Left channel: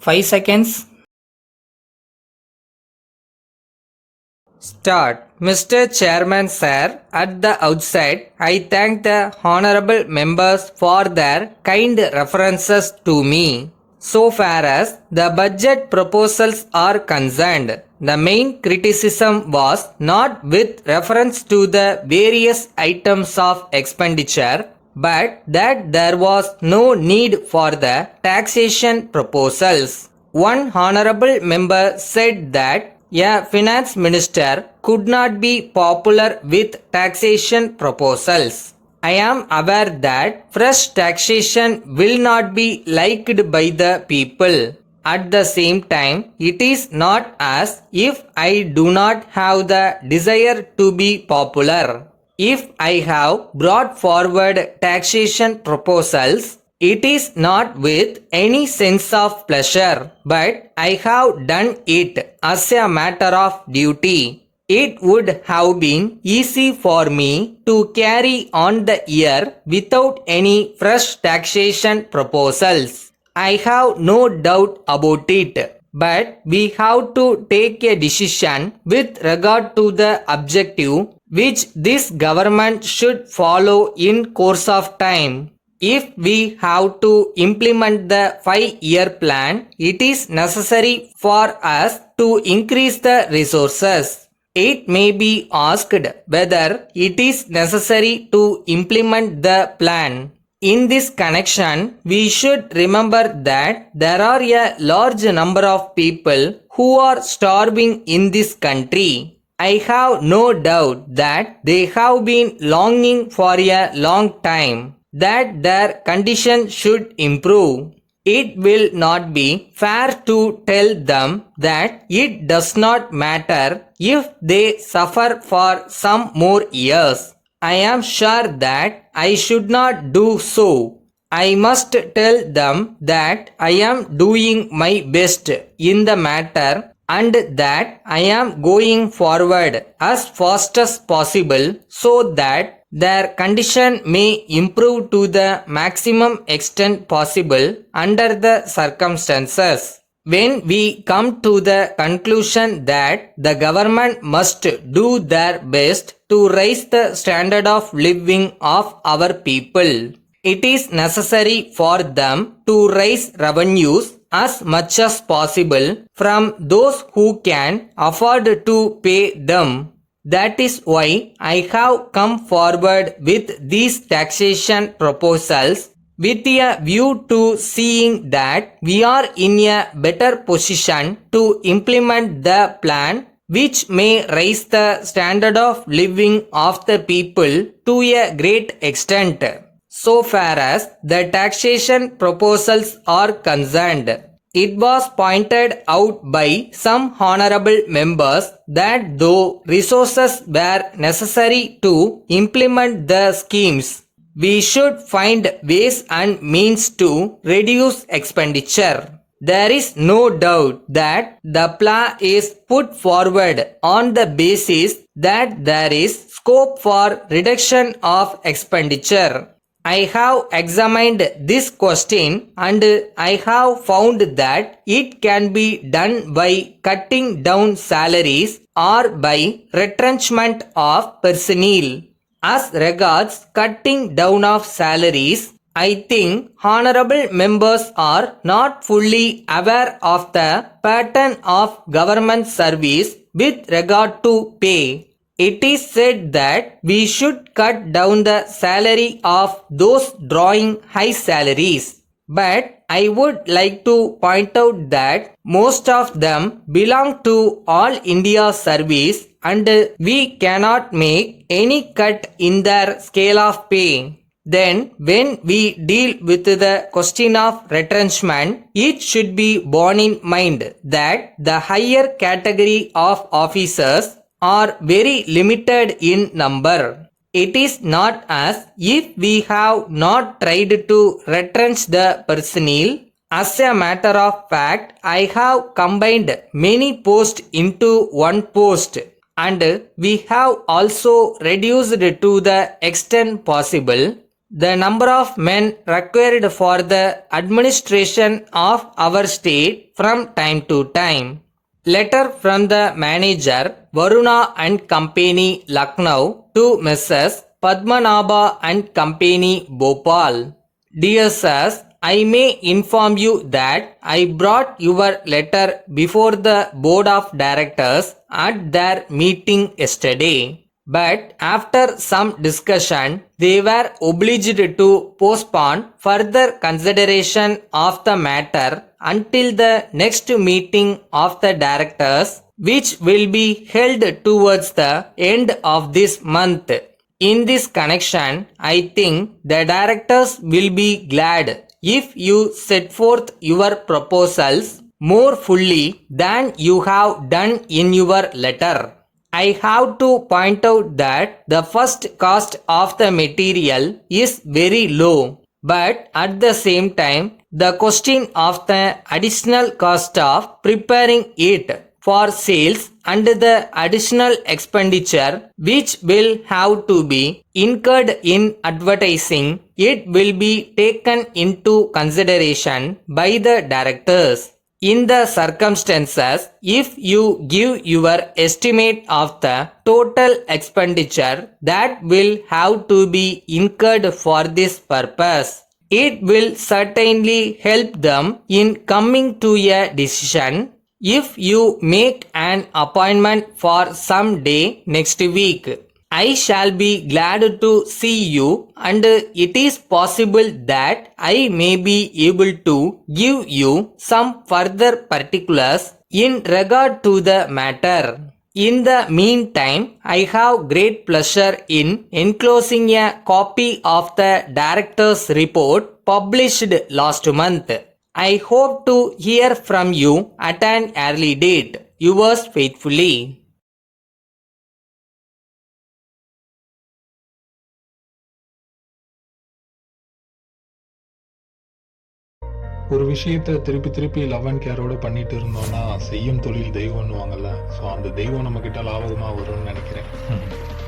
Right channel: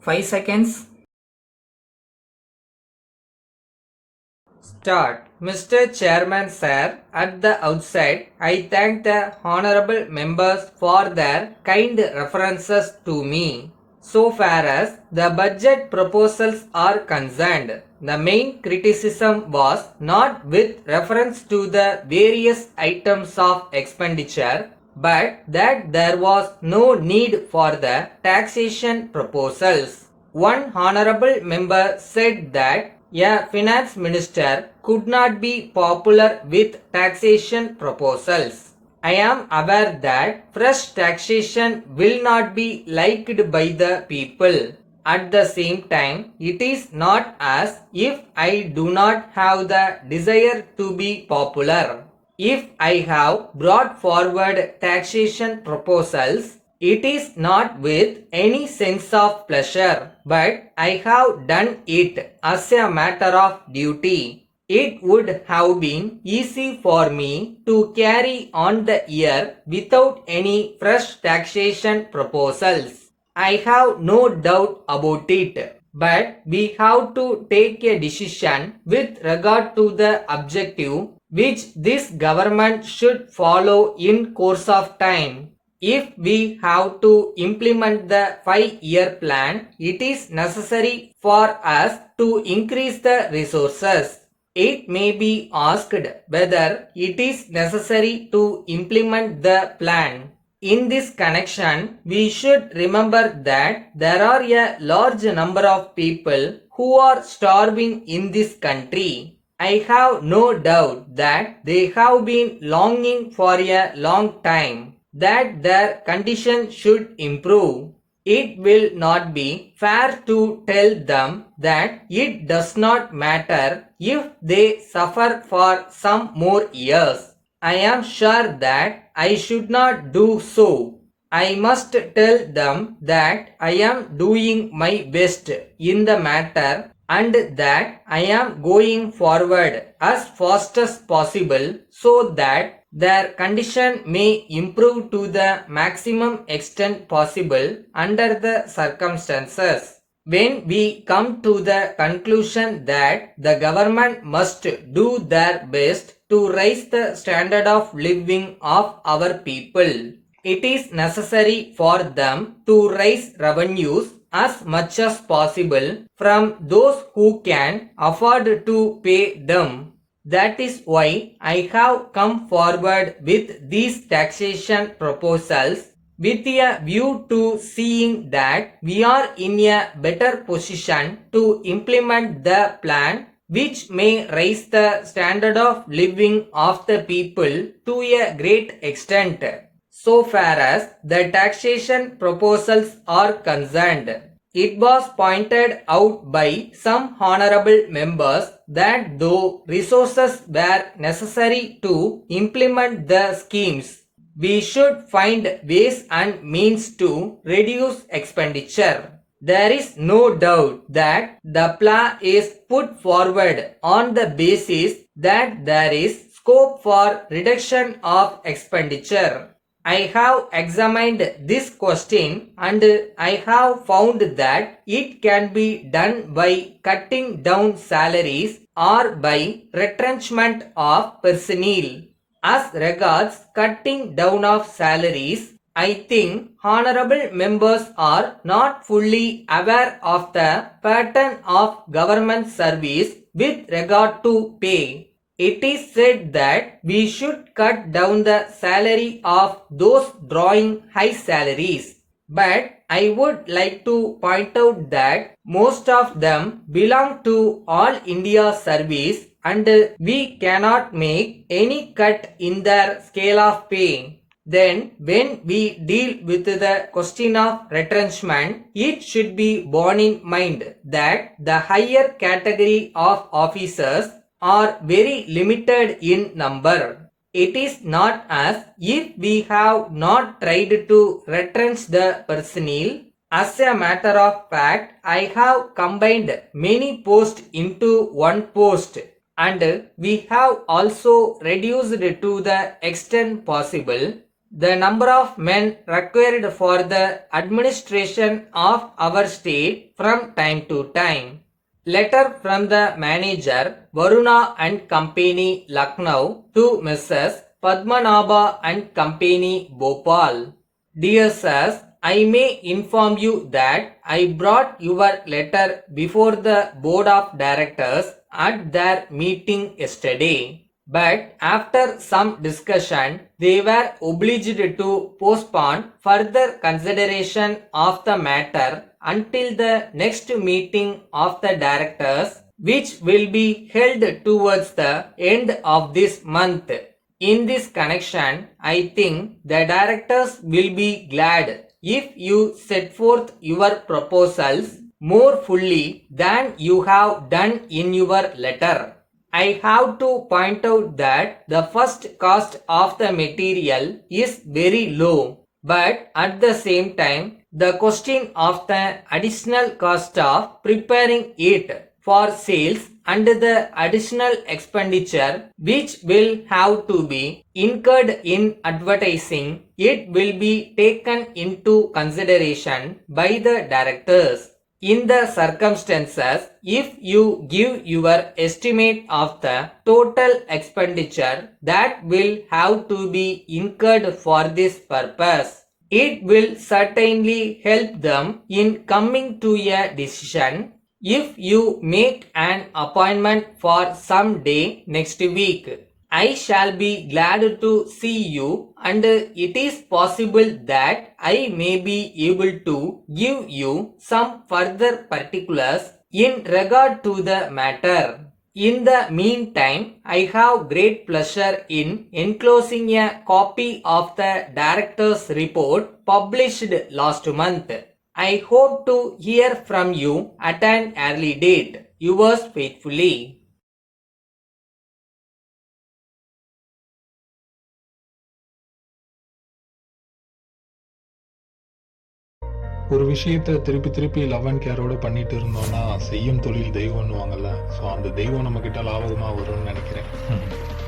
5 seconds. Start. Mr. Chairman Sir, at the outset, I thank the honorable members for their kind references to me. So far as the budget proposals are concerned, the main criticism was not with reference to the various items of expenditure, but that there was no need for the taxation proposals. One honorable member said that a finance minister could not be popular with taxation proposals. I am aware that fresh taxation will not be liked by the people. At the same time, it is not as if I do not have the desire to be popular. If I have brought forward taxation proposals, it is not with any sense of pleasure, but I have done it as a matter of duty. It would have been easy for me to carry on the year without any fresh taxation proposals. I have no doubt about it. But we have to take a decision with regard to the objective which this government should follow in course of time. If we have to implement the 5-year plan, it is necessary for us to increase the resources. It may be asked whether it is necessary to implement the plan. In this connection, we should remember that there are a large number of people who are starving in this country. I have no doubt that they have been longing for a long time that their condition should improve. It will not be fair to tell them that it does not matter if they suffer for some more years. I am sure that I should not do so. I must tell them that I am doing my best in the matter and that I am going forward as fast as possible so that their condition may improve to the maximum extent possible under the circumstances. When we come to the conclusion that the government must do their best to raise the standard of living of our people, it is necessary for them to raise revenues as much as possible from those who can afford to pay them. That is why I have come forward with these taxation proposals with a view to seeing that we are in a better position to implement the plan which may raise the standard of living of the people to a great extent. So far as the taxation proposals are concerned, it was pointed out by some honorable members that though resources were necessary to implement the schemes, we should find ways and means to reduce expenditure. There is no doubt that the plan is put forward on the basis that there is scope for reduction of expenditure. I have examined this question and I have found that it can be done by cutting down salaries or by retrenchment of personnel. As regards cutting down of salaries, I think honorable members are not fully aware of the pattern of government service with regard to pay. It is said that we should cut down the salary of those drawing high salaries. But I would like to point out that most of them belong to All India Service and we cannot make any cut in their scale of pay. Then when we deal with the question of retrenchment, it should be borne in mind that the higher category of officers are very limited in number. It is not as if we have not tried to retrench the personnel. As a matter of fact, I have combined many posts into one post and we have also reduced to the extent possible the number of men required for the administration of our state from time to time. Letter from the manager Varuna and Company, Lucknow, to Mrs. Padmanabha and Company, Bhopal. Dear sirs, I may inform you that I brought your letter before the board of directors at their meeting yesterday. But after some discussion, they were obliged to postpone further consideration of the matter until the next meeting of the directors, which will be held towards the end of this month. In this connection, I think the directors will be glad if you set forth your proposals more fully than you have done in your letter. I have to point out that the first cost of the material is very low, but at the same time, the question of the additional cost of preparing it for sales and the additional expenditure which will have to be incurred in advertising it will be taken into consideration by the directors. In the circumstances, if you give your estimate of the total expenditure that will have to be incurred for this purpose, it will certainly help them in coming to a decision. If you make an appointment for some day next week, I shall be glad to see you, and it is possible that I may be able to give you some further particulars in regard to the matter. In the meantime, I have great pleasure in enclosing a copy of the director's report published last month. I hope to hear from you at an early date. Yours faithfully. ஒரு விஷயத்த திருப்பி திருப்பி love and கேரோட பண்ணிட்டு இருந்தோம்னா செய்யும் தொழில் தெய்வம்னுவாங்கல்ல. So அந்த தெய்வம் நம்ம கிட்ட லாபகமாக வரும்னு நினைக்கிறேன்.